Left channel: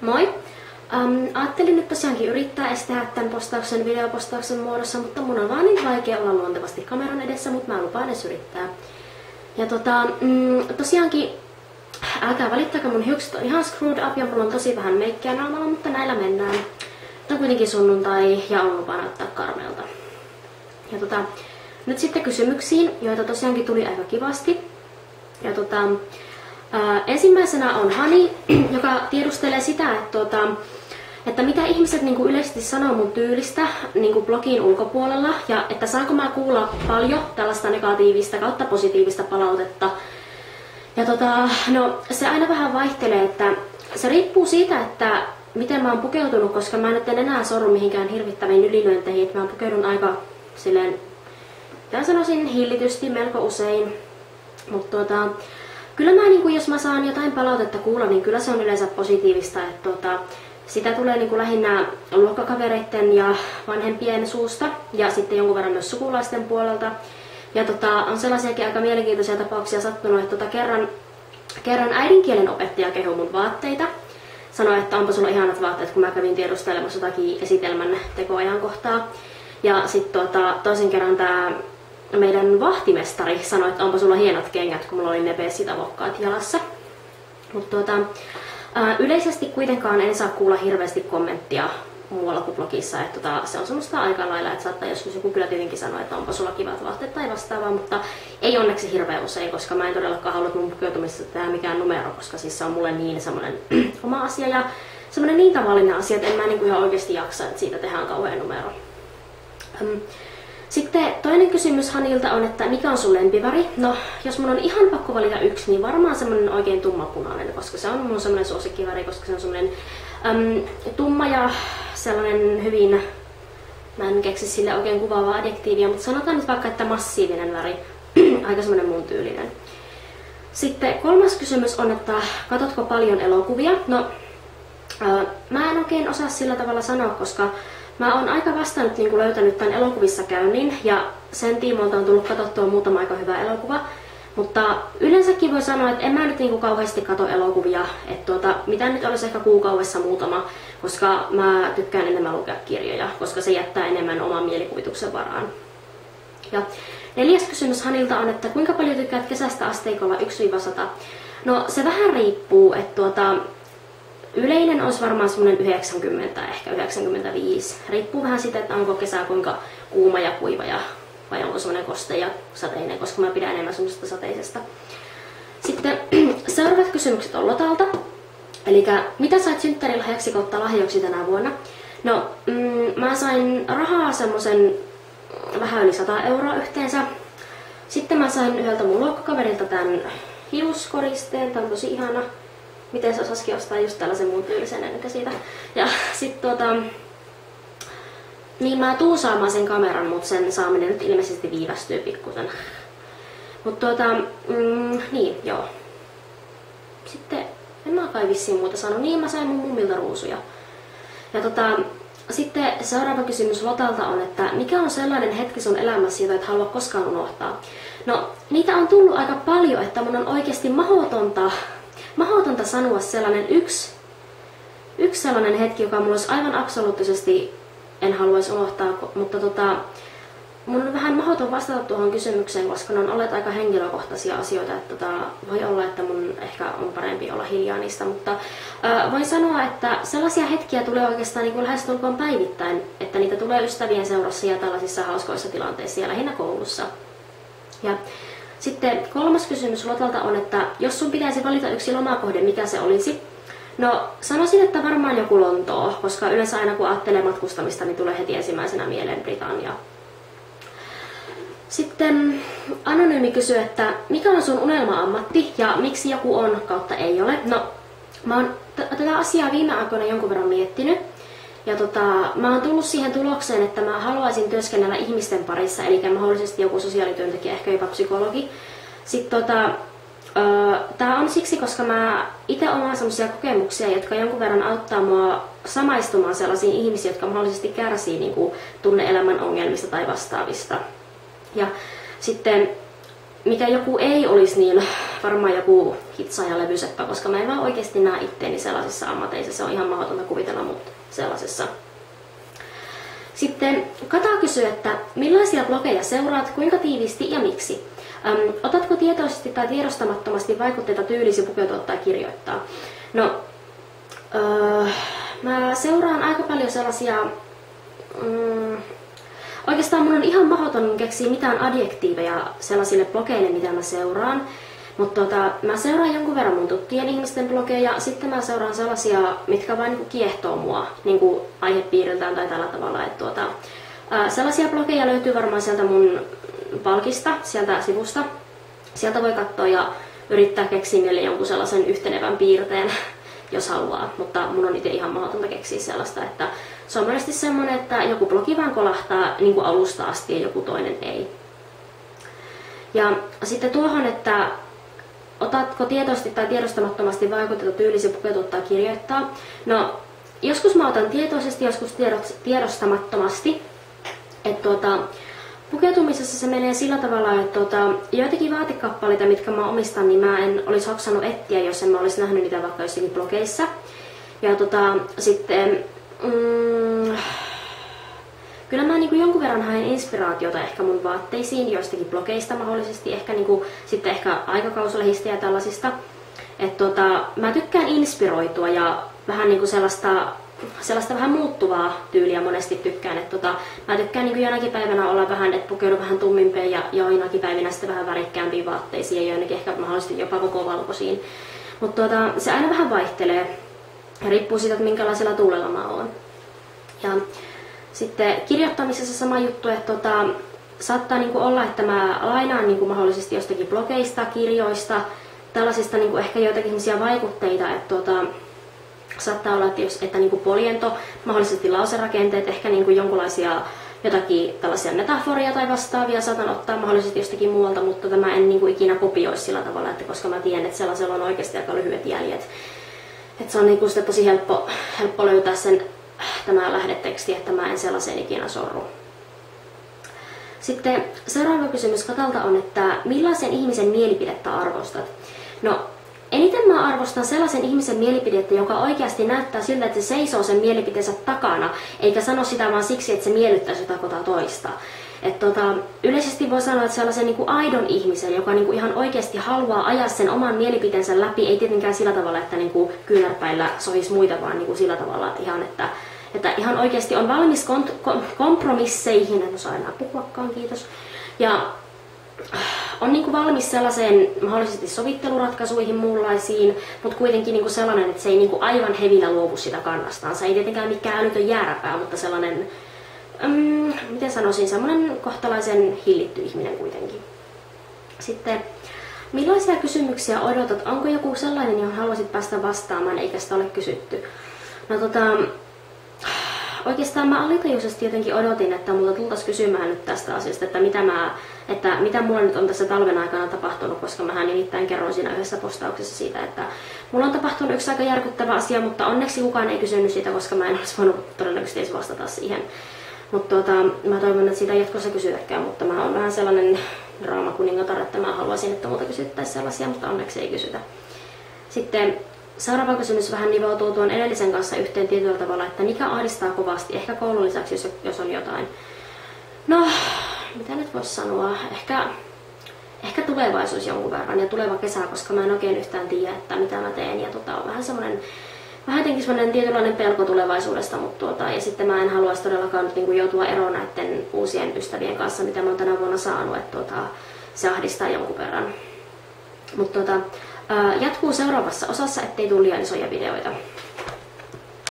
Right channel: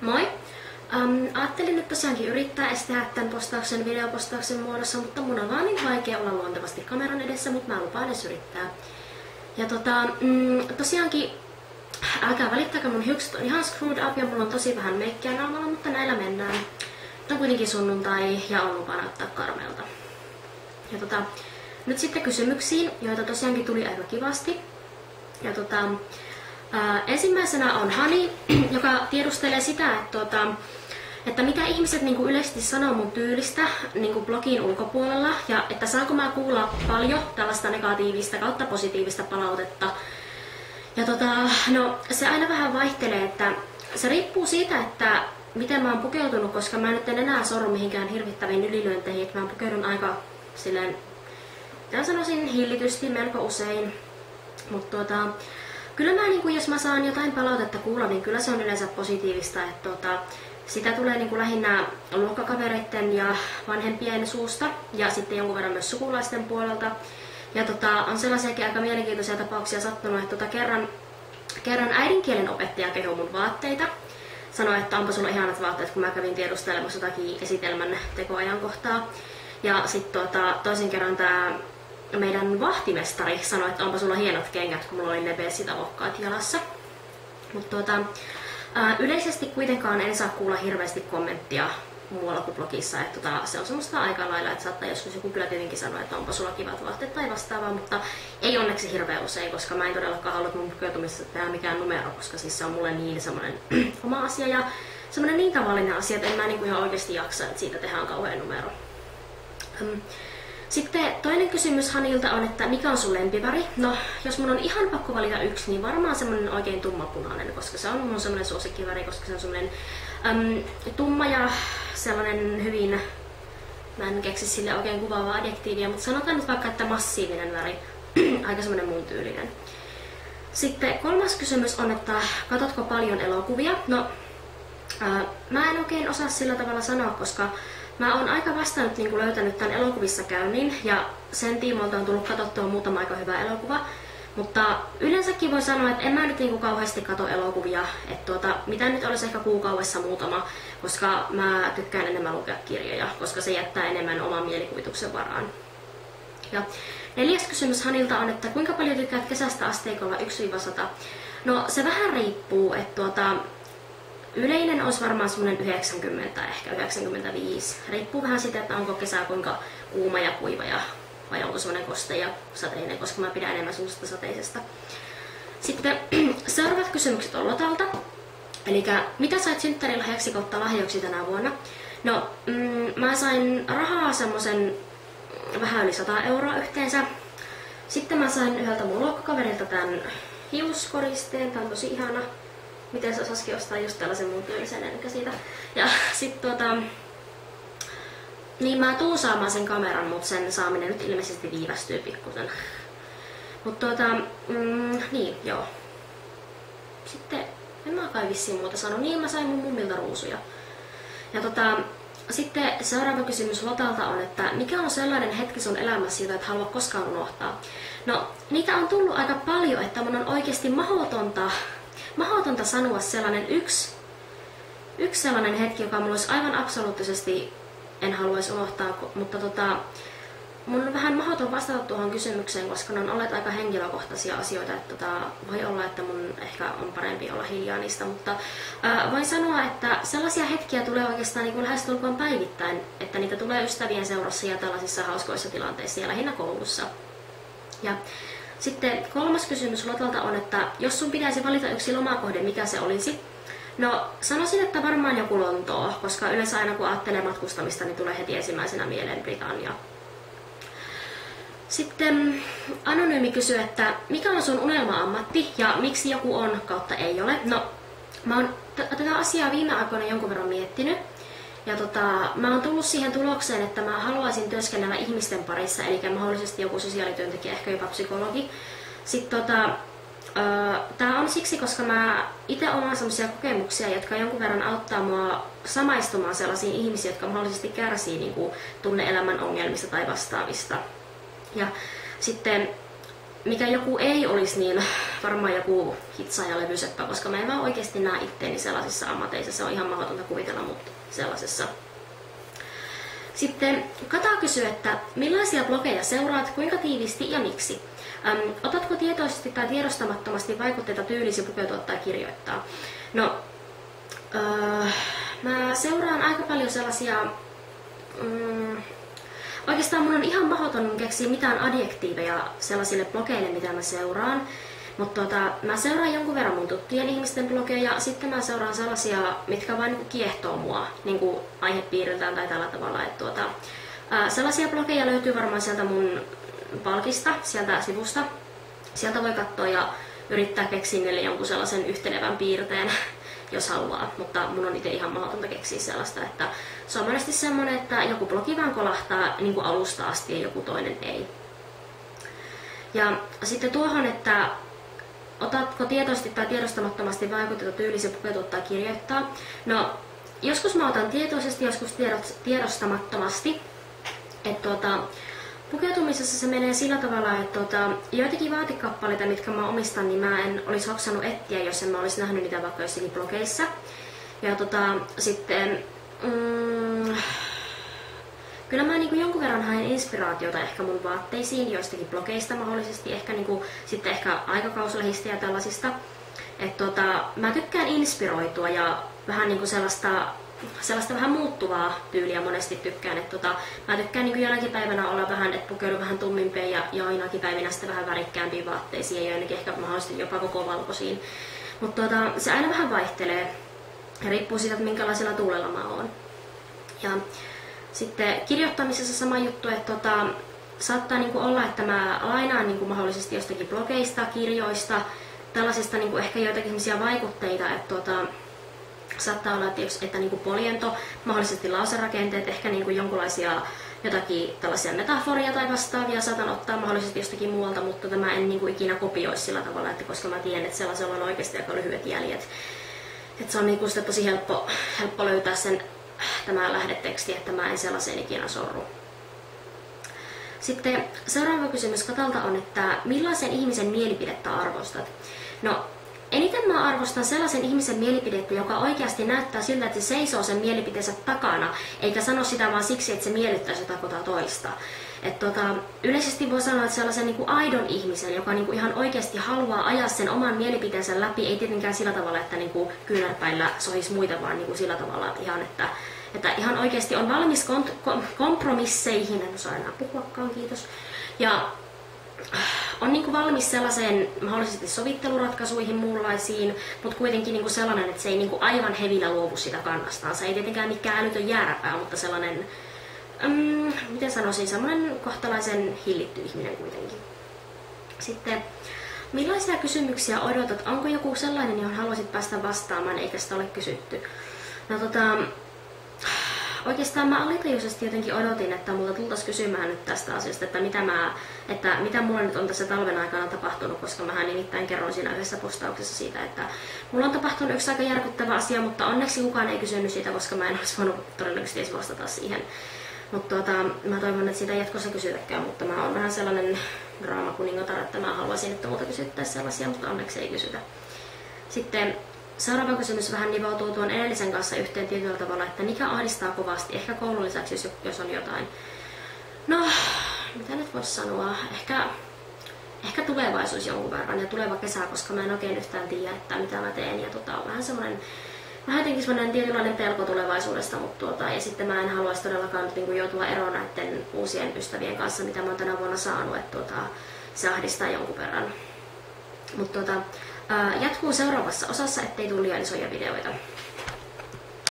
Moi! Ajattelin nyt tosiaankin yrittää estää tämän postauksen videopostauksen muodossa, mutta mun on vaan niin vaikea olla luontevasti kameran edessä, mutta mä lupaan edes yrittää. Ja tosiaankin, älkää välittäkö, mun hiukset on ihan screwed up ja mulla on tosi vähän meikkiä naamalla, mutta näillä mennään. Nyt on kuitenkin sunnuntai ja on lupa näyttää karmeelta. Ja nyt sitten kysymyksiin, joita tosiaankin tuli aika kivasti. Ja ensimmäisenä on Hani, joka tiedustelee sitä, että mitä ihmiset niinku yleisesti sanoo mun tyylistä niinku blogin ulkopuolella ja että saanko mä kuulla paljon tällaista negatiivista kautta positiivista palautetta. Ja no se aina vähän vaihtelee, että se riippuu siitä, että miten mä oon pukeutunut, koska mä nyt en enää sorru mihinkään hirvittäviin ylilyönteihin, että mä pukeudun aika silleen, mitä sanoisin, hillitysti melko usein. Mutta kyllä mä, niin jos mä saan jotain palautetta kuulla, niin kyllä se on yleensä positiivista, että sitä tulee niin lähinnä luokkakavereiden ja vanhempien suusta ja sitten jonkun verran myös sukulaisten puolelta. Ja on sellaisiakin aika mielenkiintoisia tapauksia sattunut, että kerran äidinkielen opettaja kehui mun vaatteita. Sanoi, että onpa sulla ihanat vaatteet, kun mä kävin tiedustelemassa jotakin esitelmän tekoajankohtaa. Ja sitten toisen kerran tämä meidän vahtimestari sanoi, että onpa sulla hienot kengät, kun mulla oli ne bessit-avokkaat jalassa. Mutta yleisesti kuitenkaan en saa kuulla hirveästi kommenttia muualla kuin blogissa, että se on semmoista aika lailla, että saattaa joskus joku kyllä tietenkin sanoa, että onpa sulla kivat vaatteet tai vastaavaa, mutta ei onneksi hirveän usein, koska mä en todellakaan halua, että mun pukeutumisessa tehdä mikään numero, koska siis se on mulle niin semmoinen oma asia ja semmoinen niin tavallinen asia, että en mä ihan oikeasti jaksa, että siitä tehdään kauhean numero. Sitten toinen kysymys Hanilta on, että mikä on sun lempiväri? No, jos mun on ihan pakko valita yksi, niin varmaan semmonen oikein tummapunainen, koska se on mun semmonen suosikkiväri, koska se on semmonen tumma ja sellainen hyvin, mä en keksi sille oikein kuvaavaa adjektiivia, mutta sanotaan nyt vaikka, että massiivinen väri, aika semmonen mun tyylinen. Sitten kolmas kysymys on, että katsotko paljon elokuvia? No, mä en oikein osaa sillä tavalla sanoa, koska mä oon aika vasta nyt löytänyt tämän elokuvissa käynnin ja sen tiimoilta on tullut katsottua muutama aika hyvä elokuva. Mutta yleensäkin voi sanoa, että en mä nyt kauheasti katso elokuvia, että mitä nyt olisi ehkä kuukaudessa muutama, koska mä tykkään enemmän lukea kirjoja, koska se jättää enemmän oman mielikuvituksen varaan. Ja neljäs kysymys Hanilta on, että kuinka paljon tykkäät kesästä asteikolla 1-100? No se vähän riippuu, että yleinen olisi varmaan semmoinen 90, ehkä 95. Riippuu vähän siitä, että onko kesä kuinka kuuma ja kuiva vai onko semmoinen koste ja sateinen, koska mä pidän enemmän semmoisesta sateisesta. Sitten seuraavat kysymykset on Lotalta. Eli mitä sait synttärilahjaksi kautta lahjoiksi tänä vuonna? No, mä sain rahaa semmoisen vähän yli 100 € yhteensä. Sitten mä sain yhdeltä mun luokkakaverilta tämän hiuskoristeen, tää on tosi ihana. Miten se osasikin ostaa just tällaisen muun tyylisen enkä siitä. Ja sit niin mä tuun saamaan sen kameran, mutta sen saaminen nyt ilmeisesti viivästyy pikkusen. Mut niin, joo. Sitten en mä kai vissiin muuta saanut. Niin mä sain mun mummilta ruusuja. Ja sitten seuraava kysymys Lotalta on, että mikä on sellainen hetki sun elämässä, jota et halua koskaan unohtaa? No, niitä on tullut aika paljon, että mun on oikeasti mahdotonta sanoa sellainen yksi sellainen hetki, joka mulla olisi aivan absoluuttisesti en haluaisi unohtaa, mutta mun on vähän mahdoton vastata tuohon kysymykseen, koska ne on olleet aika henkilökohtaisia asioita, että voi olla, että mun ehkä on parempi olla hiljaa niistä, mutta voin sanoa, että sellaisia hetkiä tulee oikeastaan niin lähestulkoon päivittäin, että niitä tulee ystävien seurassa ja tällaisissa hauskoissa tilanteissa ja lähinnä koulussa. Ja sitten kolmas kysymys Lotalta on, että jos sun pitäisi valita yksi lomakohde, mikä se olisi? No sanoisin, että varmaan joku Lontoo, koska yleensä aina kun ajattelee matkustamista, niin tulee heti ensimmäisenä mieleen Britannia. Sitten Anonyymi kysyy, että mikä on sun unelma-ammatti ja miksi joku on kautta ei ole? No mä oon tätä asiaa viime aikoina jonkun verran miettinyt. Ja mä oon tullut siihen tulokseen, että mä haluaisin työskennellä ihmisten parissa, eli mahdollisesti joku sosiaalityöntekijä, ehkä jopa psykologi. Sitten tää on siksi, koska mä itse omaan sellaisia kokemuksia, jotka jonkun verran auttaa mua samaistumaan sellaisiin ihmisiin, jotka mahdollisesti kärsii niin kuin tunne-elämän ongelmista tai vastaavista. Ja sitten mikä joku ei olisi, niin varmaan joku hitsaaja levyseppä, koska mä en vaan oikeasti näe itteeni sellaisissa ammateissa. Se on ihan mahdotonta kuvitella mut sellaisessa. Sitten Kata kysyy, että millaisia blogeja seuraat, kuinka tiiviisti ja miksi? Otatko tietoisesti tai tiedostamattomasti vaikutteita tyylisi pukeutua tai kirjoittaa? No, mä seuraan aika paljon sellaisia... Oikeastaan mun on ihan mahdoton keksiä mitään adjektiiveja sellaisille blogeille, mitä mä seuraan. Mutta mä seuraan jonkun verran mun tuttujen ihmisten blogeja, sitten mä seuraan sellaisia, mitkä vaan niinku kiehtoo mua niinku aihepiiriltään tai tällä tavalla. Sellaisia blogeja löytyy varmaan sieltä mun palkista, sieltä sivusta. Sieltä voi katsoa ja yrittää keksiä niille jonkun sellaisen yhtenevän piirteen, jos haluaa. Mutta mun on itse ihan mahdotonta keksiä sellaista, että se on monesti semmonen, että joku blogi vaan kolahtaa niin kuin alusta asti ja joku toinen ei. Ja sitten tuohon, että otatko tietoisesti tai tiedostamattomasti vaikutetta tyylisi pukeutua tai kirjoittaa? No, joskus mä otan tietoisesti, joskus tiedostamattomasti. Pukeutumisessa se menee sillä tavalla, että joitakin vaatekappaleita, mitkä mä omistan, niin mä en olisi hoksannut etsiä, jos en mä olisi nähnyt niitä vaikka jossakin blogeissa. Ja sitten... Kyllä mä niin kuin jonkun verran haen inspiraatiota ehkä mun vaatteisiin joistakin blogeista mahdollisesti, ehkä niin kuin, sitten ehkä aikakauslehistä ja tällaisista. Mä tykkään inspiroitua ja vähän niin kuin sellaista vähän muuttuvaa tyyliä monesti tykkään. Mä tykkään niin kuin jonakin päivänä olla vähän, että pukeudun vähän tummimpiin ja joinakin päivinä sitten vähän värikkäämpiin vaatteisiin ja joinakin ehkä mahdollisesti jopa koko valkoisiin. Mutta se aina vähän vaihtelee ja riippuu siitä, että minkälaisella tuulella mä oon. Ja sitten kirjoittamisessa sama juttu, että saattaa niinku olla, että mä lainaan niinku mahdollisesti jostakin blogeista, kirjoista, tällaisista niinku ehkä joitakin vaikutteita, että saattaa olla, että niinku poliento, mahdollisesti lauserakenteet, ehkä niinku jonkinlaisia jotakin tällaisia metaforia tai vastaavia saatan ottaa mahdollisesti jostakin muualta, mutta mä en niinku ikinä kopioi sillä tavalla, että koska mä tiedän, että sellaisella on oikeasti aika lyhyet jäljet. Että se on niinku sitä tosi helppo löytää tämä lähdeteksti, että mä en sellaiseen ikinä sorru. Sitten seuraava kysymys Katalta on, että millaisen ihmisen mielipidettä arvostat? No, eniten mä arvostan sellaisen ihmisen mielipidettä, joka oikeasti näyttää siltä, että se seisoo sen mielipiteensä takana, eikä sano sitä vaan siksi, että se miellyttäisi jotain toista. Yleisesti voi sanoa, että sellaisen niin kuin aidon ihmisen, joka niin kuin ihan oikeasti haluaa ajaa sen oman mielipiteensä läpi, ei tietenkään sillä tavalla, että niin kuin kyynärpäillä sohisi muita, vaan niin kuin sillä tavalla ihan, että ihan oikeasti on valmis kompromisseihin, en osaa enää puhuakaan, kiitos, ja on niin kuin valmis sellaiseen mahdollisesti sovitteluratkaisuihin muunlaisiin, mutta kuitenkin niin kuin sellainen, että se ei niin kuin aivan hevillä luovu sitä kannastaan. Se ei tietenkään mikään älytön jääräpää, mutta sellainen, miten sanoisin, semmoinen kohtalaisen hillitty ihminen kuitenkin. Sitten, millaisia kysymyksiä odotat? Onko joku sellainen, johon haluaisit päästä vastaamaan, eikä sitä ole kysytty? No oikeastaan mä alitajuisesti jotenkin odotin, että multa tultaisiin kysymään nyt tästä asiasta, että mitä mulla nyt on tässä talven aikana tapahtunut, koska mähän nimittäin kerroin siinä yhdessä postauksessa siitä, että mulla on tapahtunut yksi aika järkyttävä asia, mutta onneksi kukaan ei kysynyt siitä, koska mä en olisi voinut todennäköisesti edes vastata siihen. Mutta mä toivon, että siitä ei jatkossa kysytäkään, mutta mä oon vähän sellainen draamakuningatar, että mä haluaisin, että multa kysyttäisiin sellaisia, mutta onneksi ei kysytä. Sitten seuraava kysymys vähän nivoutuu tuon edellisen kanssa yhteen tietyllä tavalla, että mikä ahdistaa kovasti, ehkä koulun lisäksi, jos on jotain. No, mitä nyt voisi sanoa, ehkä tulevaisuus jonkun verran ja tuleva kesä, koska mä en oikein yhtään tiedä, että mitä mä teen. Ja vähän jotenkin semmoinen tietynlainen pelko tulevaisuudesta, mutta ja sitten mä en haluaisi todellakaan niin joutua eroon näiden uusien ystävien kanssa, mitä mä oon tänä vuonna saanut, että se ahdistaa jonkun verran. Mutta jatkuu seuraavassa osassa, ettei tule liian isoja videoita.